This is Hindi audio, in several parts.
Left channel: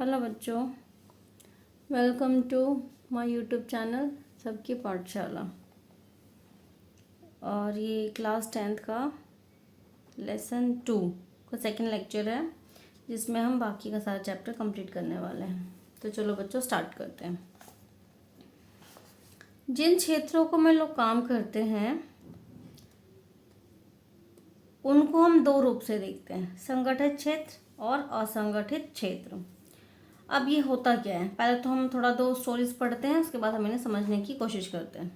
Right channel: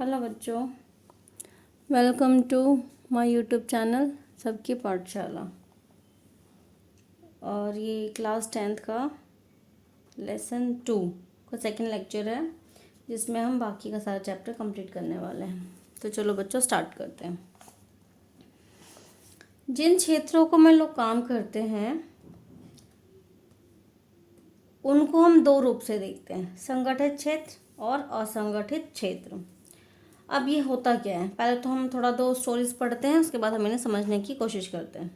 हेलो बच्चों, welcome to my YouTube channel Sabki Pathshala. और ये क्लास 10th का लेसन 2 का सेकंड लेक्चर है, जिसमें हम बाकी का सारा चैप्टर कंप्लीट करने वाले हैं। तो चलो बच्चों स्टार्ट करते हैं। जिन क्षेत्रों को में लोग काम करते हैं उनको हम दो रूप से देखते हैं, संगठित क्षेत्र और असंगठित क्षेत्र। अब ये होता क्या है, पहले तो हम थोड़ा दो स्टोरीज पढ़ते हैं, उसके बाद हम इन्हें समझने की कोशिश करते हैं।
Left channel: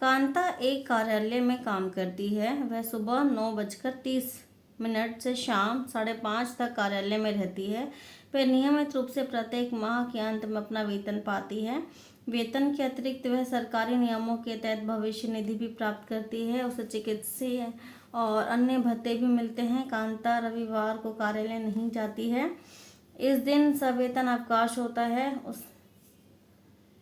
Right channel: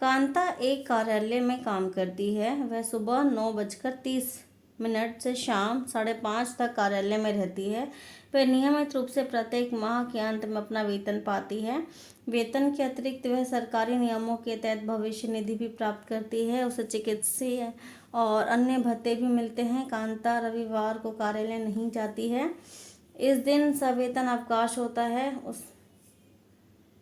कांता एक कार्यालय में काम करती है। वह सुबह 9:30 से शाम 5:30 तक कार्यालय में रहती है। वह नियमित रूप से प्रत्येक माह के अंत में अपना वेतन पाती है। वेतन के अतिरिक्त वह सरकारी नियमों के तहत भविष्य निधि भी प्राप्त करती है। उसे चिकित्सीय और अन्य भत्ते भी मिलते हैं। कांता रविवार को कार्यालय नहीं जाती है। इस दिन सवेतन अवकाश होता है।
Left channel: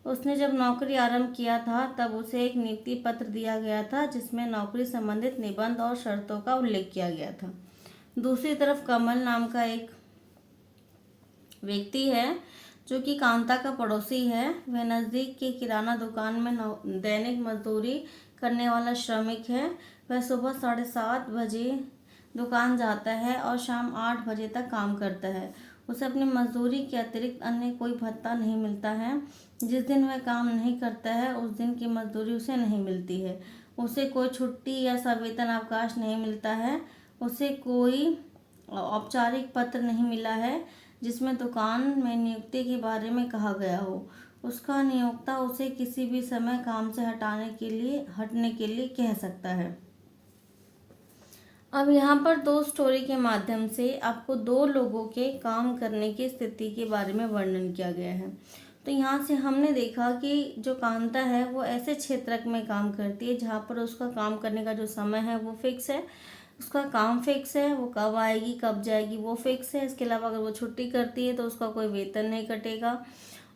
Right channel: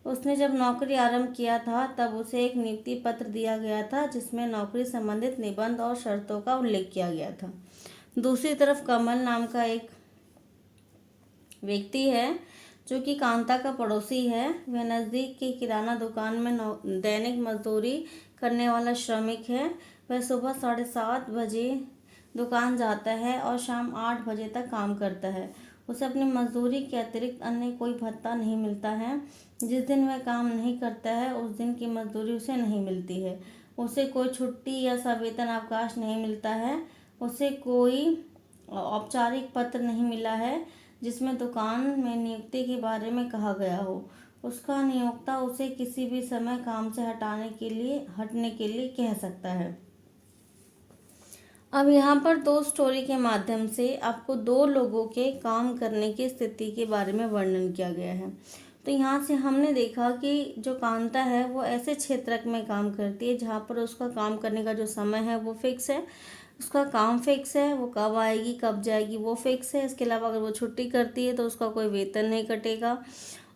उसने जब नौकरी आरंभ किया था तब उसे एक नियुक्ति पत्र दिया गया था, जिसमें नौकरी संबंधित निबंध और शर्तों का उल्लेख किया गया था। दूसरी तरफ कमल नाम का एक व्यक्ति है जो कि कांता का पड़ोसी है। वह नज़दीक की किराना दुकान में दैनिक मजदूरी करने वाला श्रमिक है। वह सुबह 7:30 बजे दुकान जाता है और शाम 8 बजे तक काम करता है। उसे अपनी मजदूरी के अतिरिक्त अन्य कोई भत्ता नहीं मिलता है। जिस दिन वह काम नहीं करता है उस दिन की मजदूरी उसे नहीं मिलती है। उसे कोई छुट्टी या सवेतन अवकाश नहीं मिलता है। उसे कोई औपचारिक पत्र नहीं मिला है जिसमें दुकान में नियुक्ति के बारे में कहा गया हो। उसका नियोक्ता उसे किसी भी समय काम से हटने के लिए कह सकता है। अब यहाँ पर दो स्टोरी के माध्यम से आपको दो लोगों के काम करने की स्थिति के बारे में वर्णन किया गया है। तो यहाँ से हमने देखा कि जो कांता है वो ऐसे क्षेत्र में काम करती है जहाँ पर उसका काम करने का जो समय है वो फिक्स है, उसका काम फिक्स है, वो कब आएगी कब जाएगी वो फिक्स है। इसके अलावा अगर वो छुट्टी करती है तो उसका कोई वेतन नहीं कटेगा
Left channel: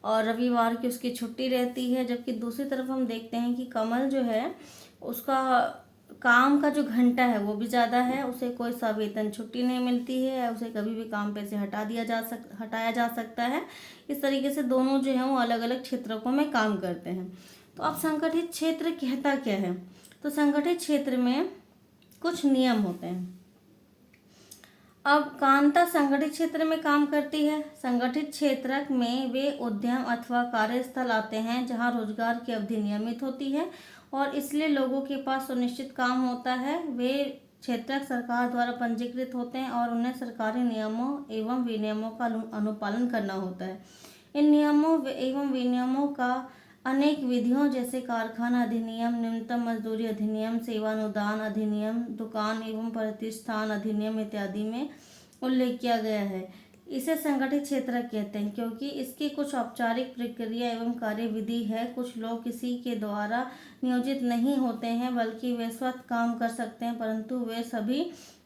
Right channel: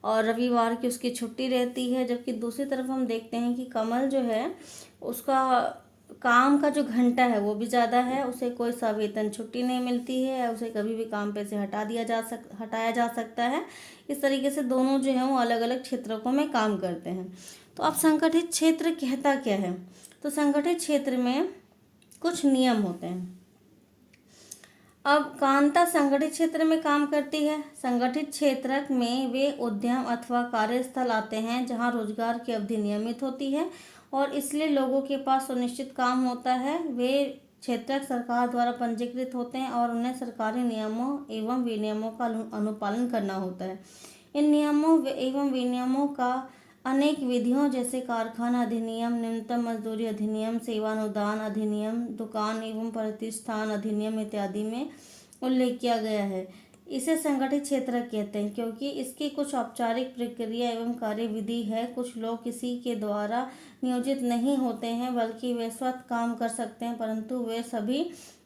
और रविवार की उसकी छुट्टी रहती है। जबकि दूसरी तरफ हम देखते हैं कि कमल जो है उसका काम का जो घंटा है वो भी ज़्यादा है, उसे कोई सवेतन छुट्टी नहीं मिलती है, उसे कभी भी काम पे से हटाया जा सकता है। इस तरीके से दोनों जो है वो अलग अलग क्षेत्रों में काम करते हैं। तो अब संगठित क्षेत्र कहता क्या है, तो संगठित क्षेत्र में कुछ नियम होते हैं। अब कांता संगठित क्षेत्र में काम करती है। संगठित क्षेत्र में वे उद्यम अथवा कार्यस्थल आते हैं जहां रोजगार की अवधि नियमित होती है और इसलिए लोगों के पास सुनिश्चित काम होता है। वे क्षेत्रक सरकार द्वारा पंजीकृत होते हैं और उन्हें सरकारी नियमों एवं विनियमों का अनुपालन करना होता है। इन नियमों एवं विनियमों का अनेक विधियों जैसे कारखाना अधिनियम, न्यूनतम मजदूरी अधिनियम, सेवानुदान अधिनियम, दुकान एवं प्रतिष्ठान अधिनियम इत्यादि में उल्लेख किया गया है। इसे संगठित क्षेत्र कहते हैं क्योंकि इसकी कुछ औपचारिक प्रक्रिया एवं कार्यविधि है। कुछ लोग किसी के द्वारा नियोजित नहीं होते हैं बल्कि वे स्वतः काम कर सकते हैं, परंतु वे सभी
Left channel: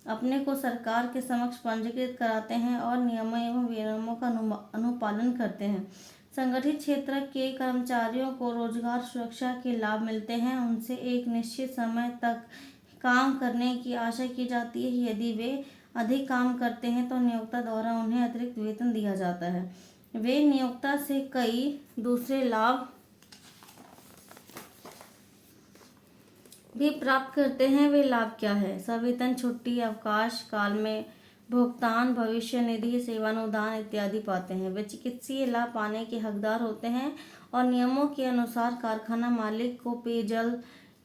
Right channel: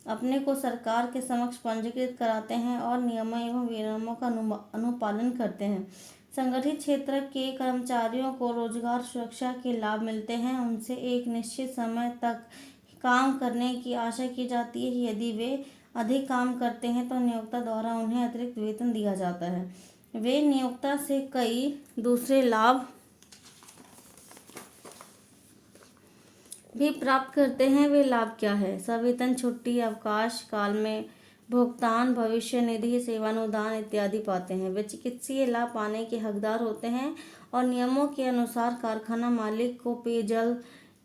अपने को सरकार के समक्ष पंजीकृत कराते हैं और नियमों एवं विनियमों का अनुपालन करते हैं। संगठित क्षेत्र के कर्मचारियों को रोजगार सुरक्षा के लाभ मिलते हैं। उनसे एक निश्चित समय तक काम करने की आशा की जाती है। यदि वे अधिक काम करते हैं तो नियोक्ता द्वारा उन्हें अतिरिक्त वेतन दिया जाता है। वे नियोक्ता से कई दूसरे लाभ भी प्राप्त करते हैं। वे लाभ क्या है? सवेतन, छुट्टी, अवकाश काल में भुगतान, भविष्य निधि, सेवानुदान इत्यादि पाते हैं। वे चिकित्सीय लाभ पाने के हकदार होते हैं और नियमों के अनुसार कारखाना मालिक को पेयजल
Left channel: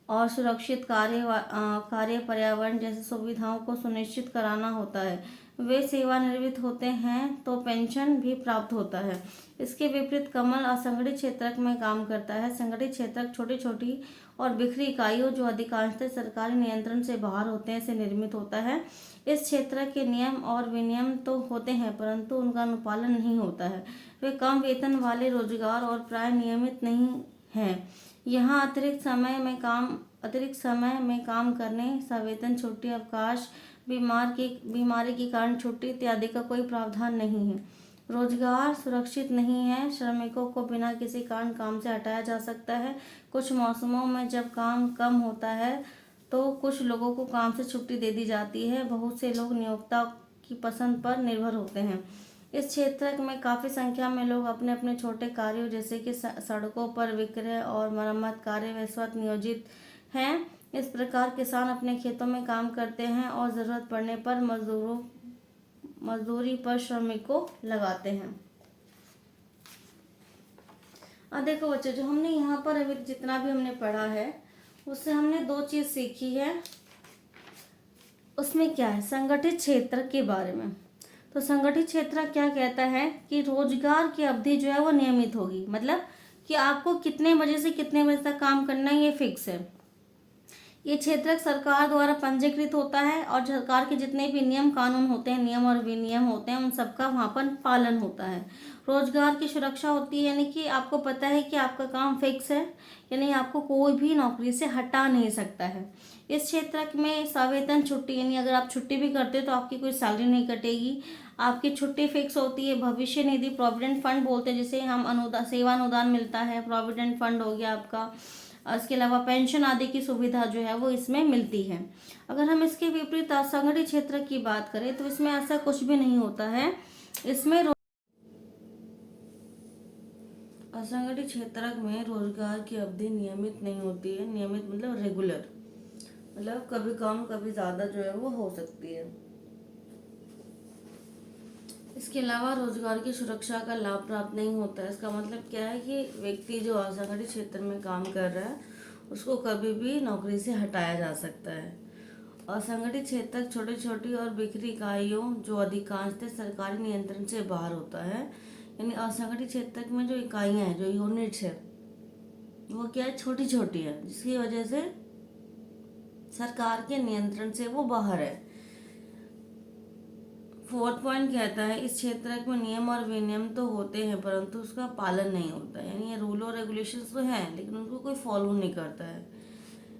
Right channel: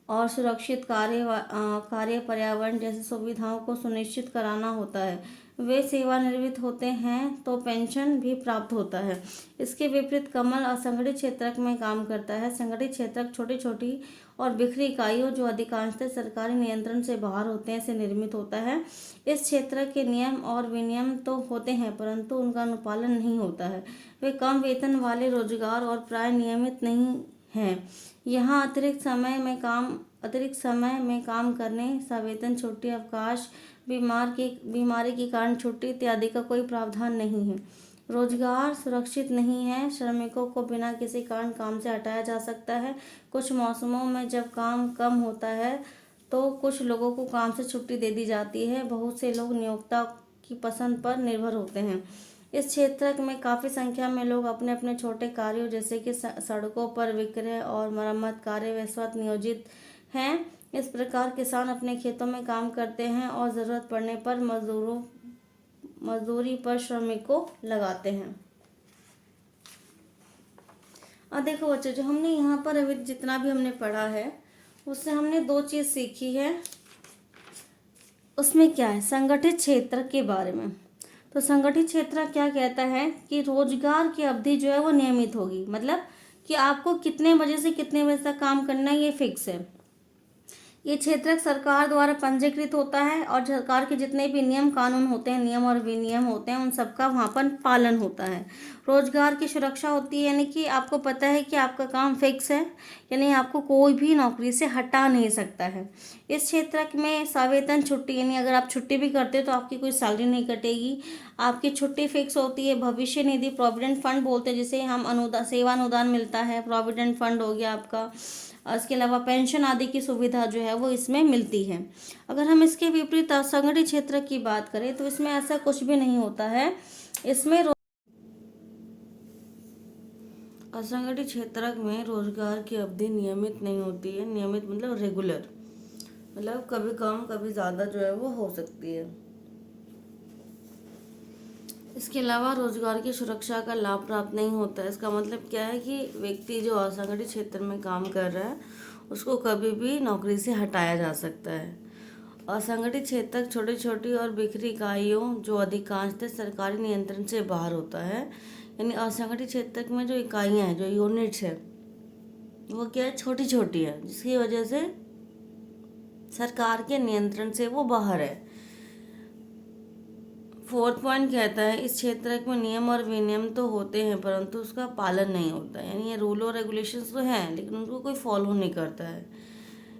और सुरक्षित कार्य पर्यावरण जैसी सुविधाओं को सुनिश्चित कराना होता है। वे सेवानिवृत्त होते हैं तो पेंशन भी प्राप्त होता है। इसके विपरीत कमल असंगठित क्षेत्र में काम करता है। संगठित क्षेत्र छोटी छोटी और बिखरी इकाइयों जो अधिकांशतः सरकारी नियंत्रण से बाहर होते हैं से निर्मित होता है। इस क्षेत्र के नियम और विनियम तो होते हैं परंतु उनका अनुपालन नहीं होता है। वे कम वेतन वाले रोजगार और प्राय नियमित नहीं हैं। यहाँ अतिरिक्त समय में काम करने, सवेतन, छुट्टी, अवकाश, बीमारी के कारण छुट्टी इत्यादि का कोई प्रावधान नहीं है। रोजगार सुरक्षित नहीं है। श्रमिकों को बिना किसी कारण काम से हटाया जा सकता है। कुछ मौसमों में जब काम कम होता है तो कुछ लोगों को काम से छुट्टी दे दी जाती है। बहुत से लोग नियोक्ता की पसंद पर निर्भर होते हैं। इस क्षेत्र में काफ़ी संख्या में लोग अपने अपने छोटे कार्यों जैसे कि सड़कों पर विक्रय और मरम्मत कार्य में इस वक्त नियोजित हैं। इस प्रकार किसान अपने खेतों में काम करते हैं और ज़रूरत पड़ने पर मजदूरी पर श्रमिकों लगाते हैं। अब देखो बच्चों, जो हमने यहाँ पर अभी जितना भी हमने पढ़ा है उससे हमने दो चीज़ सीखी है। उसमें क्या है, संगठित क्षेत्र के बारे में। तो संगठित क्षेत्र क्या कहता है कि रोजगार की अवधि जो है वो नियमित होगी, मतलब कि आपको कितने बजे से कितने बजे तक काम करना है ये फिक्स है। ये क्षेत्र सरकार द्वारा पंजीकृत होता है और सरकार के जितने भी नियम कानून होते हैं, नियम और विनियम होते हैं, उन सबका वहाँ पर पालन होता है। रोजगार की सुरक्षा होती है, यानी कि आपको पता है कि आपका काम फिक्स है, यानी आपको कोई भी नौकरी से हटा नहीं सकता है। इस क्षेत्र में सवेतन छुट्टी, यानी अगर आप छुट्टी भी करते हो तो आपकी कोई सैलरी नहीं कटेगी, आपकी छुट्टी फिक्स होती है। भविष्य निधि, प्रोविडेंट फंड बोलते हैं जिसे हम अनुदान, सेवा अनुदान मिलता है, प्रोविडेंट फंड हो गया आपका। और इसके अलावा पेंशन आदि की सुविधा जो है वो इसमें मिलती है। अगर हम इसके विपरीत असंगठित क्षेत्र की बात करें तो इसमें ऐसा कुछ भी नहीं होता है। इसमें असंगठित क्षेत्र में रोजगार की अवधि नियमित नहीं होती है। नियमित मतलब रेगुलर, मतलब कभी कम कभी ज़्यादा जो है वो हो सकती है। इसके अलावा रोजगार की सुरक्षा का लाभ प्राप्त नहीं होता है। इसका मतलब क्या है कि व्यक्ति जो असंगठित क्षेत्र में काम कर रहा है उसको कभी भी नौकरी से हटाया जा सकता है। असंगठित क्षेत्र छोटी छोटी और बिखरी इकाइयों जो अधिकांशतः सरकारी नियंत्रण से बाहर होता है। यानी असंगठित क्षेत्र में जो इकाइयाँ हैं, जो यूनिट्स है, वो क्या है, छोटी छोटी है, जिसकी वजह से सरकार के नियंत्रण से वो बाहर है। फोर्थ पॉइंट कहता है इस क्षेत्र में नियम और विनियम तो होते हैं परंतु उसका पालन नहीं होता है। यानी ये रूल और रेगुलेशंस तो हैं लेकिन उनको कोई फॉलो नहीं करता है।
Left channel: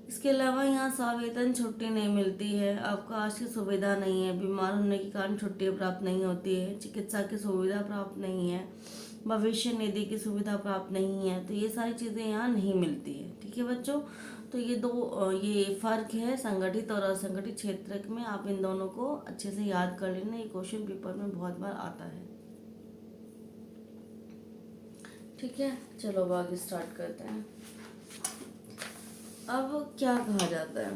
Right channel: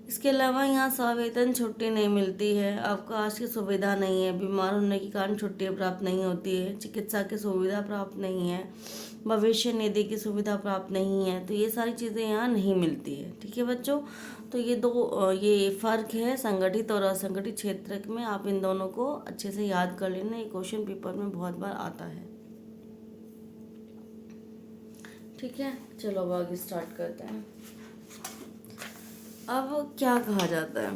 इसके अलावा यहाँ सवेतन छुट्टी नहीं मिलती है, अवकाश की सुविधा नहीं है, बीमार होने के कारण छुट्टी प्राप्त नहीं होती है, चिकित्सा की सुविधा प्राप्त नहीं है, भविष्य निधि की सुविधा प्राप्त नहीं है। तो ये सारी चीज़ें यहाँ नहीं मिलती है। ठीक है बच्चों, तो ये फ़र्क है संगठित और असंगठित क्षेत्र में। आप इन दोनों को अच्छे से याद कर लेना, ये क्वेश्चन पेपर में बहुत बार आता है। ठीक है, चलो अब आगे स्टार्ट करते हैं। अब क्या कहा जाता है,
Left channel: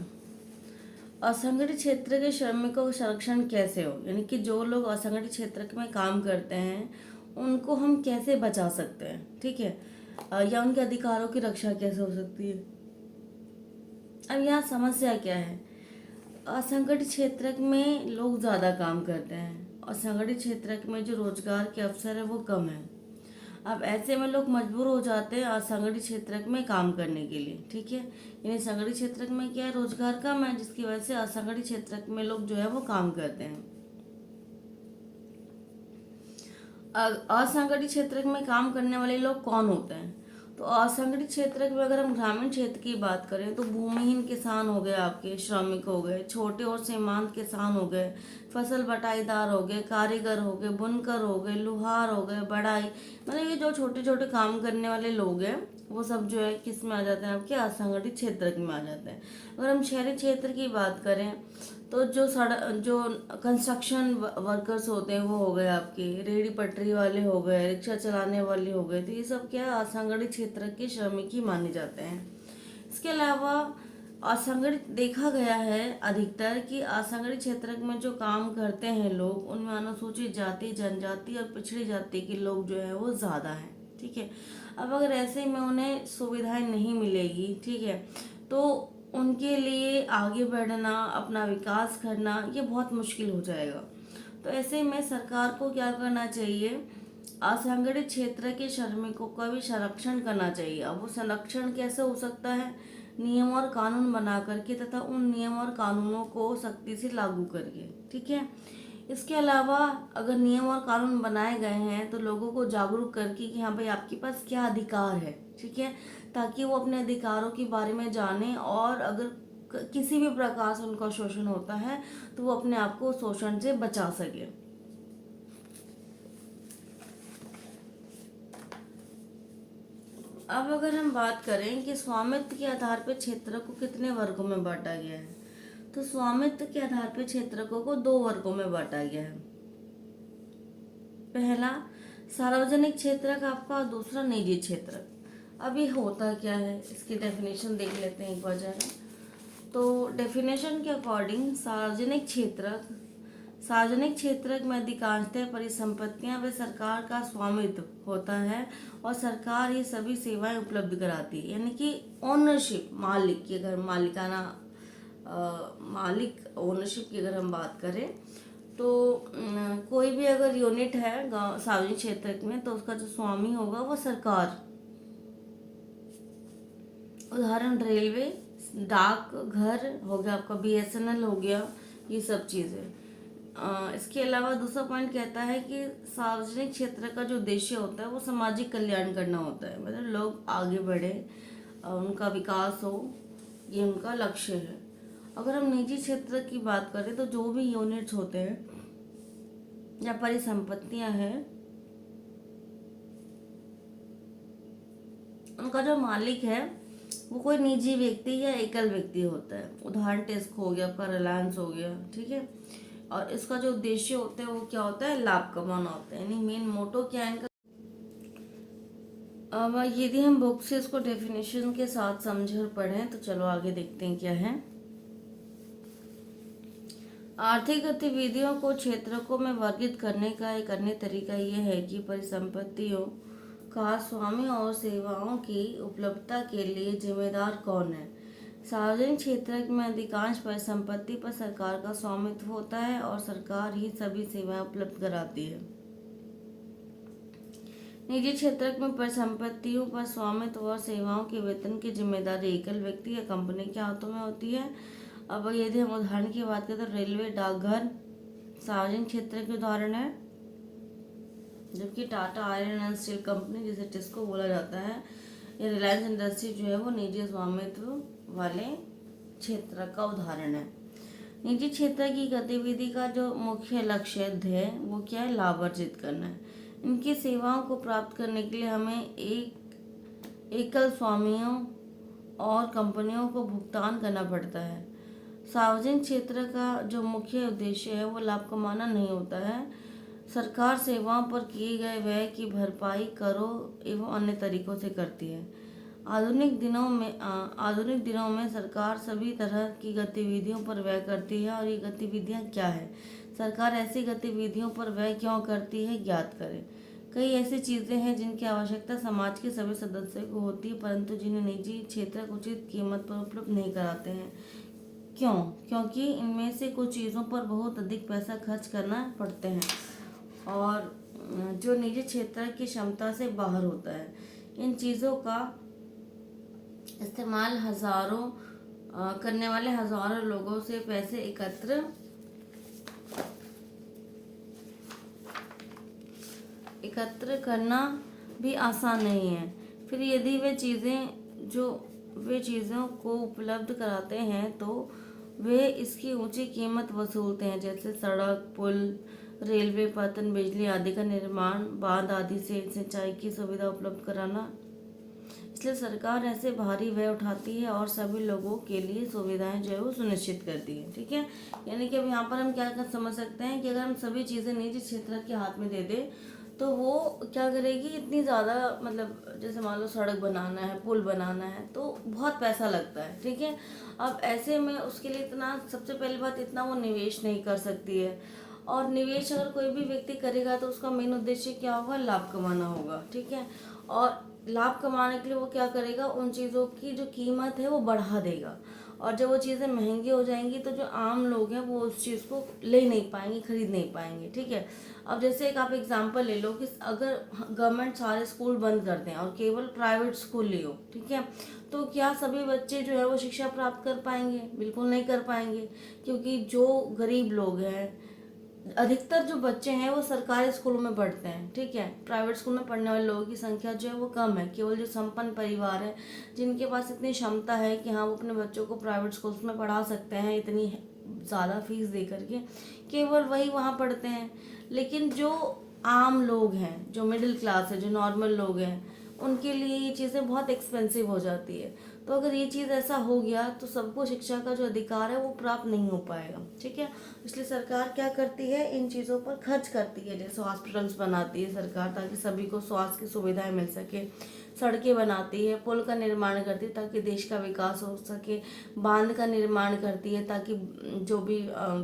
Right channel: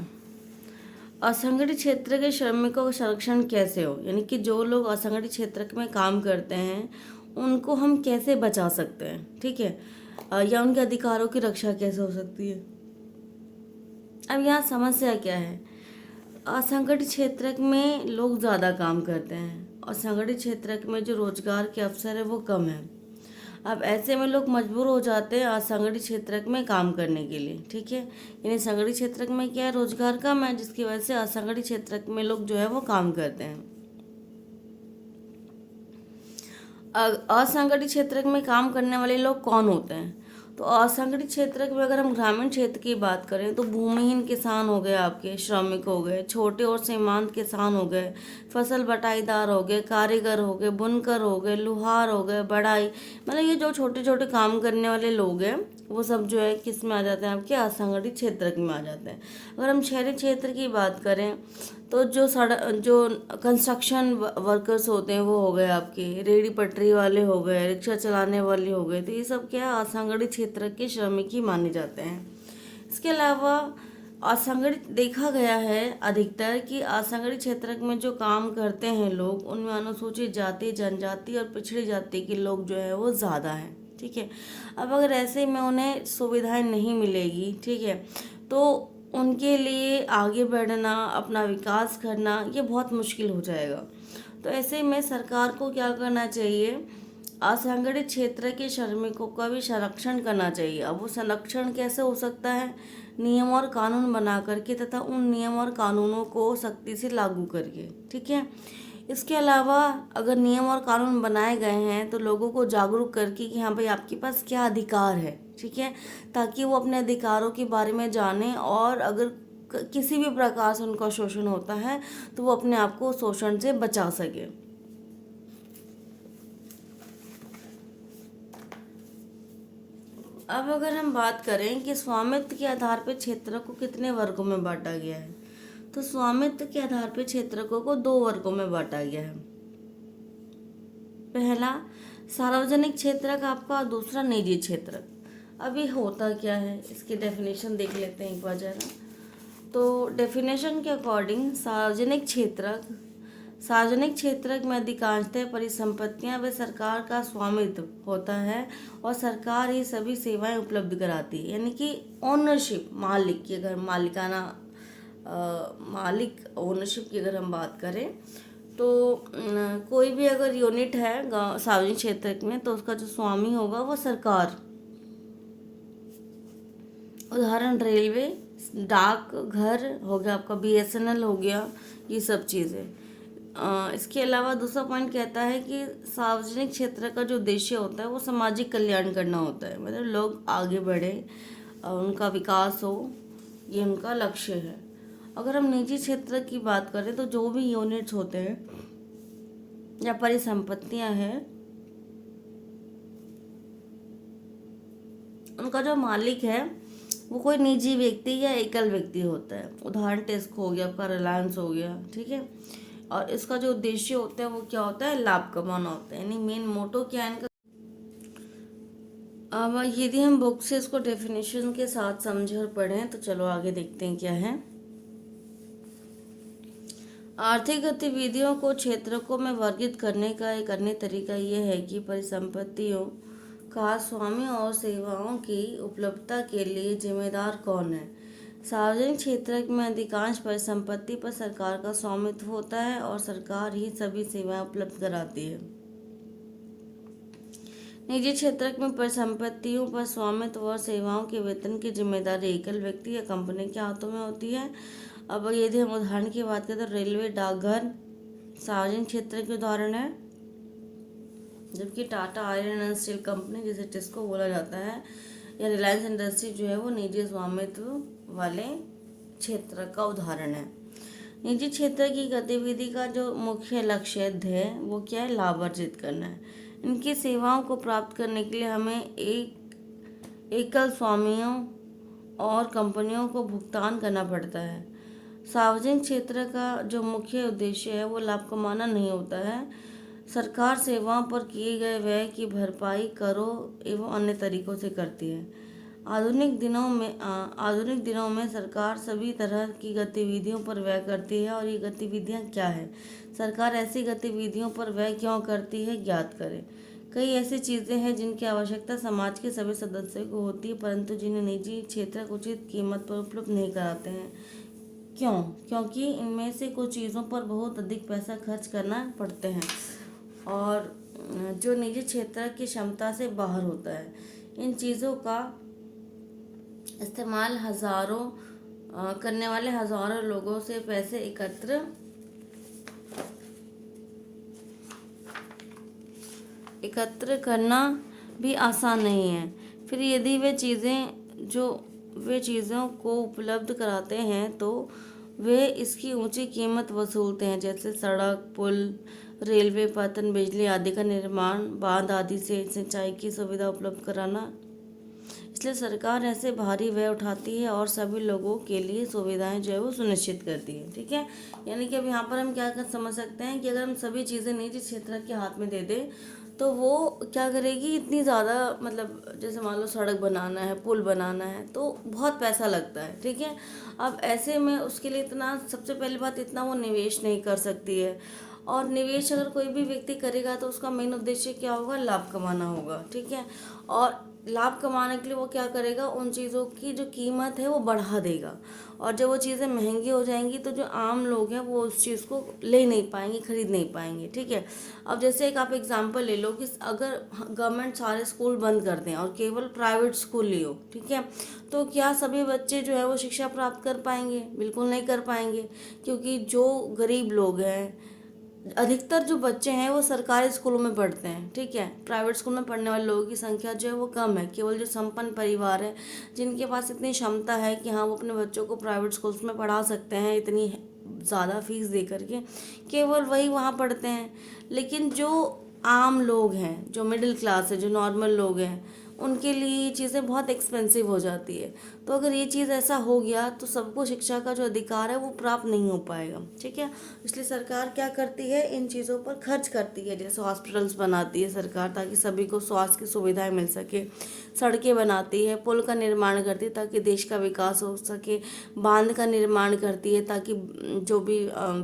असंगठित क्षेत्र के श्रमिकों का संरक्षण कैसे हो, यानी कि जो लोग असंगठित क्षेत्र में काम करते हैं उनको हम कैसे बचा सकते हैं। ठीक है, या उनके अधिकारों की रक्षा कैसे हो सकती है। अब यहाँ समस्या क्या है, असंगठित क्षेत्र में लोग ज़्यादा काम करते हैं और संगठित क्षेत्र में जो रोजगार के अवसर है वो कम है। अब ऐसे में लोग मजबूर हो जाते हैं असंगठित क्षेत्र में काम करने के लिए। ठीक है, यानी संगठित क्षेत्र में क्या है, रोजगार कम है, जिसकी वजह से असंगठित क्षेत्र में लोग जो है वो काम करते हैं। असंगठित क्षेत्र में काम करने वाले लोग कौन होते हैं, तो असंगठित क्षेत्र में अगर हम ग्रामीण क्षेत्र की बात करें तो भूमिहीन किसान हो गए, आपके श्रमिक हो गए, छोटे और सीमांत किसान हो गए, फसल बटाईदार हो गए, कारीगर हो गए, बुनकर हो गए, लुहार हो गए, बढ़ाई, मतलब ये जो छोटे छोटे काम करने वाले लोग हैं वो सब जो है किस में आ जाते हैं, आपके असंगठित क्षेत्र में आ जाते हैं। अगर हम शहरी क्षेत्र की बात करें तो जो कंस्ट्रक्शन वर्कर्स होते हैं वो हो गए, आपके रेहड़ी पटरी वाले हो गए, रिक्शा चलाने वाले हो गए, तो ये सब क्या असंगठित क्षेत्र के श्रमिक ही माने जाते हैं। इसके अलावा असंगठित देखा गया है अधिकतर कि असंगठित क्षेत्र में जो काम करते हैं लोग उनमें अनुसूचित जाति, जनजाति और पिछड़ी जाति के लोग जो है वो ज़्यादा हैं। ठीक है, अब अगर ऐसे में उन्हें सुविधाएं नहीं मिलेगी, ठीक है, तो उनके लिए आगे बढ़ना, अपना विकास करना ये बहुत मुश्किल हो जाएगा। तो ऐसे में सरकार को क्या करना चाहिए, असंगठित क्षेत्र के श्रमिकों का भी संरक्षण करना चाहिए। अब वो संरक्षण कैसे हो सकता है, नियम और कानून बना करके तथा उन नियम और कानूनों को सख्ती से लागू करके। ठीक है, इसके अलावा अगर नियम और कानून बनाए गए हैं तो लोगों को जागरूक करके कि हाँ भाई आपके पास क्या अधिकार है। ठीक है, ताकि वो अपने अधिकारों के बारे में जाने और अगर किसी भी प्रकार से उनका शोषण होता है तो वो अपने आप को शोषण से बचा सके। अब अगर हम बात करें कि स्वामित्व के आधार पर क्षेत्र को कितने वर्गों में बांटा गया है, तो स्वामित्व के आधार पर क्षेत्र को 2 वर्गों में बांटा गया है। पहला सार्वजनिक क्षेत्रक आपका, दूसरा निजी क्षेत्रक। अभी होता क्या है इसकी डेफिनेशन देख लेते हैं एक बार जरा। तो डेफिनेशन के अकॉर्डिंग सार्वजनिक क्षेत्रक में अधिकांशतः परिसंपत्तियां व सरकार का स्वामित्व होता है और सरकार ही सभी सेवाएं उपलब्ध कराती है। यानी कि ओनरशिप, मालिक की अगर मालिक ओनरशिप की अगर हम बात करें तो कोई भी अगर यूनिट है गाँव सार्वजनिक क्षेत्र में तो उसका जो स्वामी होगा वो सरकार। उदाहरण रेलवे, डाक घर हो गया आपका, BSNL हो गया, ये सब चीज़ें। इसके अलावा दूसरा पॉइंट कहता है कि सार्वजनिक क्षेत्र का जो उद्देश्य होता है वो सामाजिक कल्याण करना होता है, मतलब लोग आगे बढ़े, उनका विकास हो, ये उनका लक्ष्य है। अगर हम निजी क्षेत्र की बात करें तो जो भी यूनिट्स होते हैं या परिसंपत्तियां हैं, उनका जो मालिक है वो कोई निजी व्यक्ति या एकल व्यक्ति होता है। उदाहरण टेस्को हो गया आपका, रिलायंस हो गया, ठीक है। और इसका जो उद्देश्य होता है वो क्या होता है, लाभ कमाना होता है, यानी मेन मोटो क्या है इनका। अब यदि हम बुक से इसको डेफिनेशन के साथ समझे और पढ़ें तो चलो आगे देखते हैं क्या है। आर्थिक गतिविधियों को क्षेत्रकों में वर्गीकृत करने का एक अन्य तरीका यह है कि परिसंपत्तियों का स्वामी और सेवाओं की उपलब्धता के लिए जिम्मेदार कौन है। सार्वजनिक क्षेत्र में अधिकांश परिसंपत्ति पर सरकार का स्वामित्व होता है और सरकार ही सभी सेवाएं उपलब्ध कराती है। निजी क्षेत्र में परिसंपत्तियों पर स्वामित्व और सेवाओं के वेतन की जिम्मेदारी एकल व्यक्ति या कंपनी के हाथों में होती है। अब यदि हम उदाहरण की बात करें तो रेलवे, डाकघर सार्वजनिक क्षेत्र के उदाहरण है, जबकि Tata iron and steel company, जिसे टिस्को बोला जाता है, या रिलायंस इंडस्ट्री जो है वो निजी स्वामित्व वाले क्षेत्र का उदाहरण है। निजी क्षेत्र की गतिविधि का जो मुख्य लक्ष्य है वो क्या है, लाभ अर्जित करना है। इनकी सेवाओं को प्राप्त करने के लिए हमें एकल स्वामियों और कंपनियों को भुगतान करना पड़ता है। सार्वजनिक क्षेत्र का जो मुख्य उद्देश्य है वो लाभ कमाना नहीं होता है। सरकार सेवाओं पर किए गए व्यय की भरपाई करों एवं अन्य तरीकों से करती है। आधुनिक दिनों में सरकार सभी तरह की गतिविधियों पर व्यय करती है। और ये गतिविधियां क्या है, सरकार ऐसी गतिविधियों पर व्यय क्यों करती है, ज्ञात करें। कई ऐसी चीज़ें हैं जिनकी आवश्यकता समाज के सभी सदस्यों को होती है, परंतु जिन्हें निजी क्षेत्र उचित कीमत पर उपलब्ध नहीं कराते हैं। क्यों? क्योंकि इनमें से कुछ चीज़ों पर बहुत अधिक पैसा खर्च करना पड़ते हैं और जो निजी क्षेत्र की क्षमता से बाहर होता है। इन चीज़ों का इस्तेमाल करने वाले हजारों लोगों से पैसे एकत्र करना भी आसान नहीं है। फिर यदि वे चीज़ों को उपलब्ध कराते हैं तो वे इसकी ऊंची कीमत वसूलते हैं, जैसे सड़क, पुल, रेलवे, पतन, बिजली आदि का निर्माण, बांध आदि से सिंचाई की सुविधा उपलब्ध कराना। इसलिए सरकार ऐसे भारी व्यय उठाती है और सभी लोगों के लिए सुविधाएं जो है वो सुनिश्चित करती है, ठीक है। यानी कि अब यहाँ पर हम क्या समझ सकते हैं कि अगर हम सभी चीज़ें निजी क्षेत्र के हाथ में दे दें तो वो क्या करेगी, इतनी ज़्यादा, मतलब जैसे मान लो सड़क बनाना है, पुल बनाना है तो बहुत पैसा लगता है, ठीक है। अब ऐसे में उसके लिए सबसे पहली बात इतना वो निवेश नहीं कर सकती है। और निवेश अगर कोई भी व्यक्ति करेगा तो उसका मेन उद्देश्य क्या होगा, लाभ कमाना होगा, ठीक है। और लाभ कमाने के लिए वो क्या करेगा, उन चीज़ों की जो कीमत है वो बढ़ा देगा। और जब वो चीज़ें महंगी हो जाएंगी तो जो आम लोग हैं वो उस चीज़ को ले नहीं पाएंगे, खरीद नहीं पाएंगे, ठीक है। अब जैसे एक आप एग्जांपल ले लो कि अगर गवर्नमेंट सारे स्कूल बंद कर दें और केवल प्राइवेट स्कूल लियो, ठीक है, तो क्या सभी बच्चे जो है वो शिक्षा प्राप्त कर पाएंगे? बिल्कुल नहीं कर पाएंगे, क्योंकि जो गरीब लोग हैं, अधिकतर जो बच्चे हैं वो सरकारी स्कूलों में पढ़ते हैं, ठीक है। प्राइवेट स्कूल में पढ़ने वाले लोगों की संख्या जो है वो कम है। केवल जो संपन्न परिवार है, जिनके पास इतनी क्षमता है कि हाँ वो अपने बच्चों को प्राइवेट स्कूल्स में पढ़ा सकते हैं इतनी ज़्यादा फीस दे करके, केवल वही वहाँ पढ़ते हैं। लेकिन जो आम लोग हैं, जो मिडिल क्लास है, जो नॉर्मल लोग हैं, उनके लिए ये चीज़ें बहुत एक्सपेंसिव हो जाती है। तो अगर ये चीज़ ऐसा हो गया तो सबको शिक्षा का जो अधिकार है वो प्राप्त नहीं हो पाएगा। ठीक है, इसलिए सरकार क्या करती है, इन चीज़ों पर खर्च करती है। जैसे हॉस्पिटल्स बनाती है सरकार ताकि सभी को स्वास्थ्य की सुविधाएं मिल सके, सड़कें बनाती है, पुल का निर्माण करती है ताकि देश का विकास हो सके, बांध का निर्माण करती है ताकि जो भी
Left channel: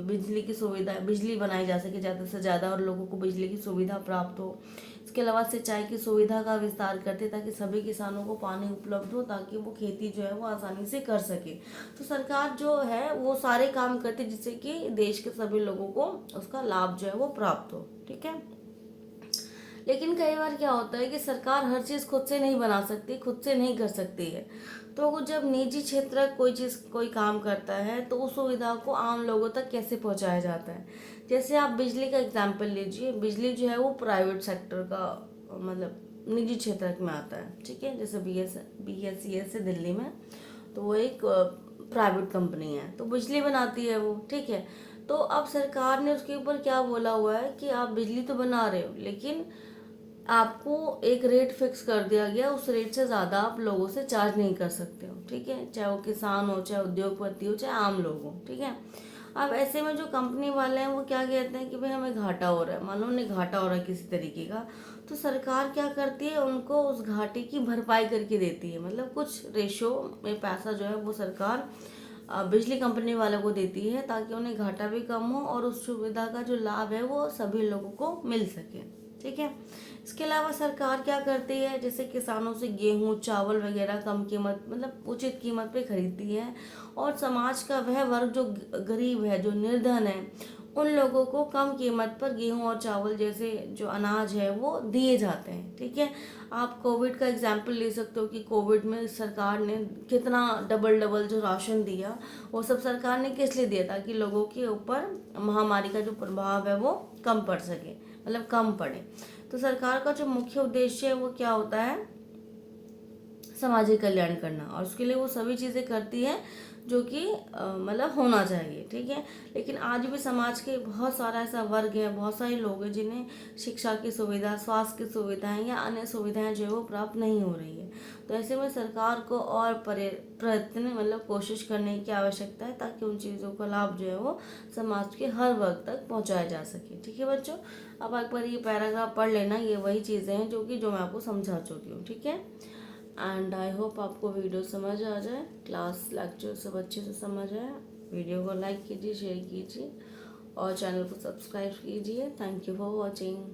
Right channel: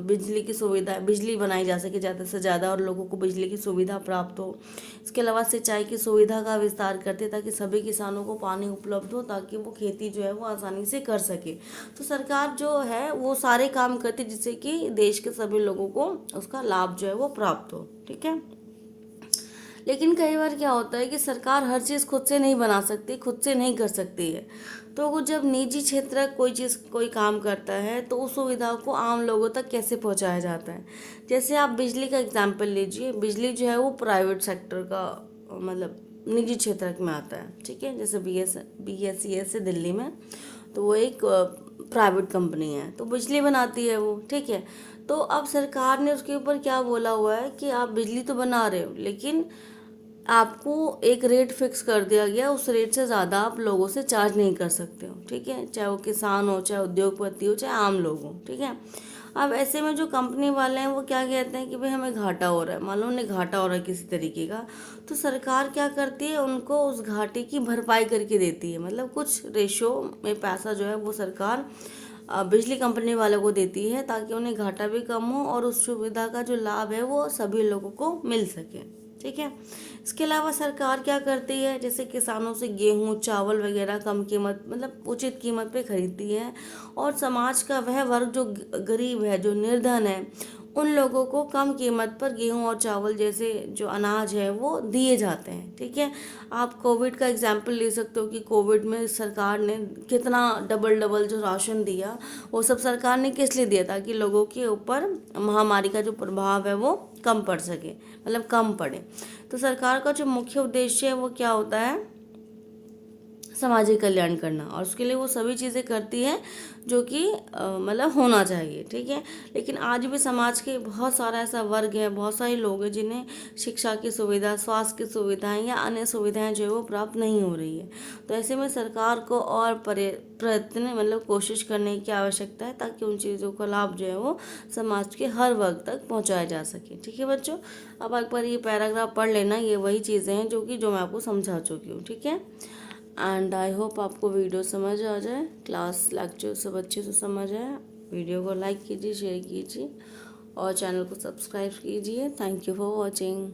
बिजली की सुविधा, बिजली बनाई जा सके ज़्यादा से ज़्यादा और लोगों को बिजली की सुविधा प्राप्त हो। इसके अलावा सिंचाई की सुविधा का विस्तार करते हैं ताकि सभी किसानों को पानी उपलब्ध हो, ताकि वो खेती जो है वो आसानी से कर सके। तो सरकार जो है वो सारे काम करती है जिससे कि देश के सभी लोगों को उसका लाभ जो है वो प्राप्त हो। ठीक है, लेकिन कई बार क्या होता है कि सरकार हर चीज़ खुद से नहीं बना सकती, खुद से नहीं कर सकती है। तो वो जब निजी क्षेत्र कोई चीज़, कोई काम करता है तो उस सुविधा को आम लोगों तक कैसे पहुंचाया जाता है। जैसे आप बिजली का एग्जाम्पल लीजिए, बिजली जो है वो प्राइवेट सेक्टर का, मतलब निजी क्षेत्र में आता है। ठीक है, जैसे BSES है दिल्ली में, तो वो एक प्राइवेट कंपनी है, तो बिजली बनाती है वो। ठीक है, तो अब सरकार ने उसके ऊपर क्या बोला हुआ है कि आप बिजली तो बना रहे हो, लेकिन आपको एक रेट फिक्स कर दिया गया, उस रेट से ज़्यादा आप लोगों से चार्ज नहीं कर सकते हो। ठीक है, चाहे वो किसान हो, चाहे उद्योगपति हो, चाहे आम लोग हो। ठीक है, अब ऐसे में जो कंपनी वाले हैं वो क्या कहते हैं कि भाई हमें घाटा हो रहा है, मान लो उन्हें घाटा हो रहा है किसी तरीके का, तो सरकार क्या करती है, उनको उस घाटे की भरपाई करके देती है। मतलब कुछ रेशो में पैसा जो है वो सरकार बिजली कंपनी वालों को देती है ताकि उन्हें घाटा भी कम हो और उस सुविधा का जो लाभ है वो सभी लोगों को मिल सके। ठीक है, इसके अलावा सरकार क्या करती है, जैसे किसानों से गेहूं, चावल वगैरह कम कीमत, मतलब उचित कीमत पे खरीदती है, और समाज का वह वर्ग जो गरीब है, जो निर्धन है, उन लोगों को कम कीमत पर गेहूं और चावल जैसे जो अनाज है वो दिए जाते हैं। ठीक है, आप कोविड का एग्जाम्पल ले सकते हो कि कोविड में सरकार ने कितना डबल डबल जो राशन दिया, वो सब सरकार ने किस लिए दिया, ताकि लोगों के ऊपर महामारी का जो प्रभाव है वो कम पड़ सके, मतलब कम पड़े। तो सरकार का जो मुख्य उद्देश्य है वो क्या होता है, सामाजिक कल्याण करना, और उसके लिए वो सभी चीज़ें करती है जो कि मतलब होना चाहिए। ठीक है, लेकिन आज भी समाज के बहुत सारा ऐसा वर्ग है, बहुत सारे लोग हैं जिन्हें शिक्षा की सुविधा, स्वास्थ्य की सुविधाएं या अन्य सुविधाएं जो है वो प्राप्त नहीं हो रही है। तो ऐसे में सरकार को और प्रयत्न, मतलब कोशिश करने की आवश्यकता है ताकि उन चीज़ों का लाभ जो है वो समाज के हर वर्ग तक पहुँचाया जा सके। ठीक है बच्चों, अब एक बार ये पैराग्राफ पढ़ लेना, ये वही चीज़ें हैं जो मैं आपको समझा चुकी हूँ। ठीक है, एंड आई होप आपको वीडियो समझ आ जाए, क्लास लेक्चर सब अच्छे से समझ आए। वीडियो को लाइक कीजिए, शेयर कीजिए और चैनल को सब्सक्राइब कीजिए। Thank you for watching.